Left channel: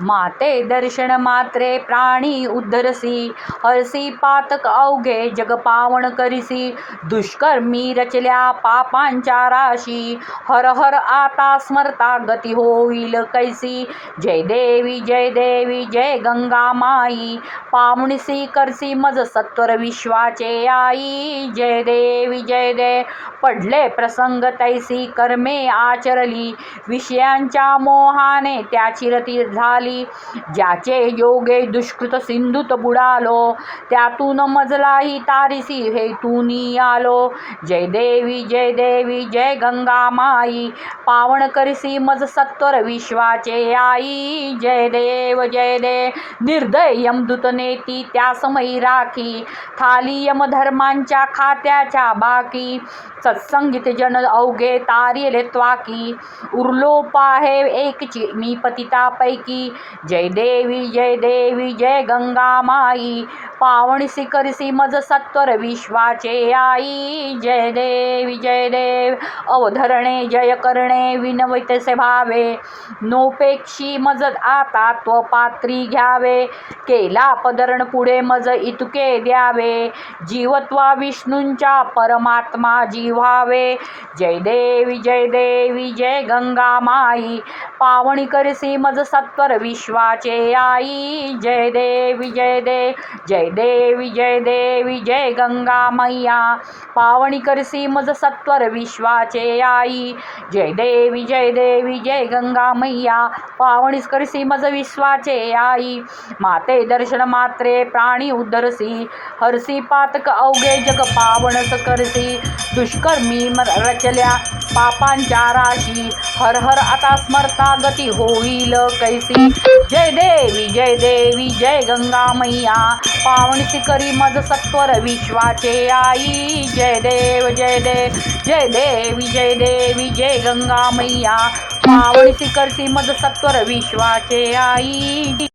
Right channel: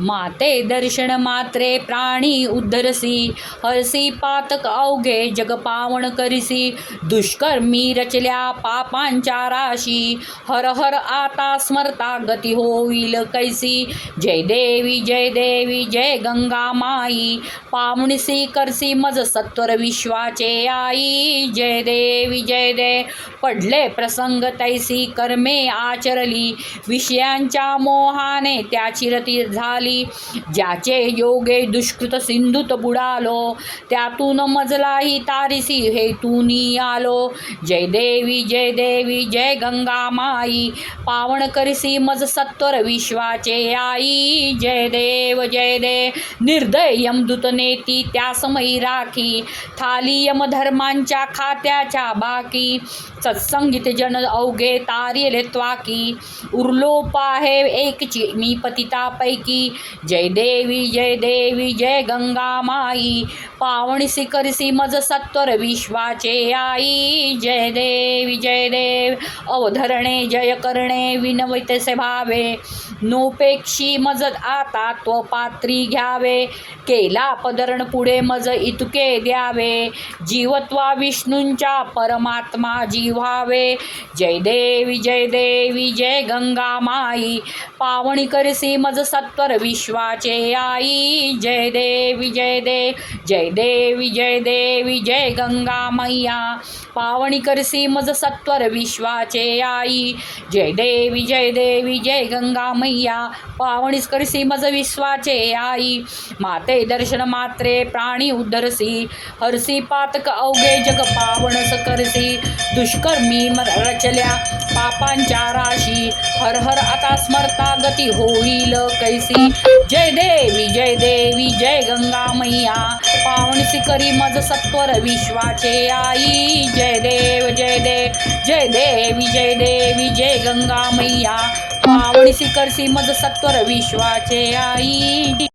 माते दर्शन मात्रे प्राणी उद्धरसी, हरसी पातक अवघे जग पावन करिसी, दुष्कर्मी रचल्या पापांच्या राशी, हर हर आता स्मरता गती होईल कैसी, जय देवी जय गंगा माई, पावणसी करसी मज सत्वर विश्वाचे आई, जय देवी जय देव पडले प्रसंग तैसी कर्मे आचरली, विषयांच्या मोहाने त्याची रती झाली, ज्याचे योगे दुष्कृत सिंधूत बुडालो, त्यातून मजलाही तारिसी हेतूनी आलो, जय देवी जय गंगा माई, पावन करिसी मज सत्वर विश्वाचे आई, जय देव निर्दय यमदूत नेती त्या समयी राखी, थाली यमधर्मांच्या खात्याच्या बाकी, सत्संगित जन अवघे तारिले त्वाकी, उरलो पाहे एकची मी पतितापैकी, जय देवी जय गंगा माई, पावणसी करसी मज सत्वर विश्वाचे आई, जय देवी जय देव अवधरणे जय करणे विनवितसे भावे, नोपेक्षी मज आता तो पात्री घ्यावे, केला पदरण पुढे मज इतुके द्यावे, जीवत्वा विष्णूंच्या परमात्मा जीवावे, जय देवी जय गंगा माई, पावणी करसी मज सत्वर विश्वाचे आई, जय देवी जय गंगा मैया, पावणी करसी मज सत्वर विश्वाचे आई, जय देवी जय गंगा मैया, पावणीस करसी मज विश्वाचे आई, माते दर्शन मात्रे प्राणी उद्धरसी, हरसी पातक अवघे जग पावनस करसी, दुष्कर्मी रचल्या पापांच्या राशी, हर हर आता स्मरता गती होईल कैसी, जय देवी जय गंगा मैया, पावणसी करी मज सत्वर विश्वाचे आई, जय देवी जय गंगा मैया, पावणसी करसी मज सत्वर विश्वाचे आई।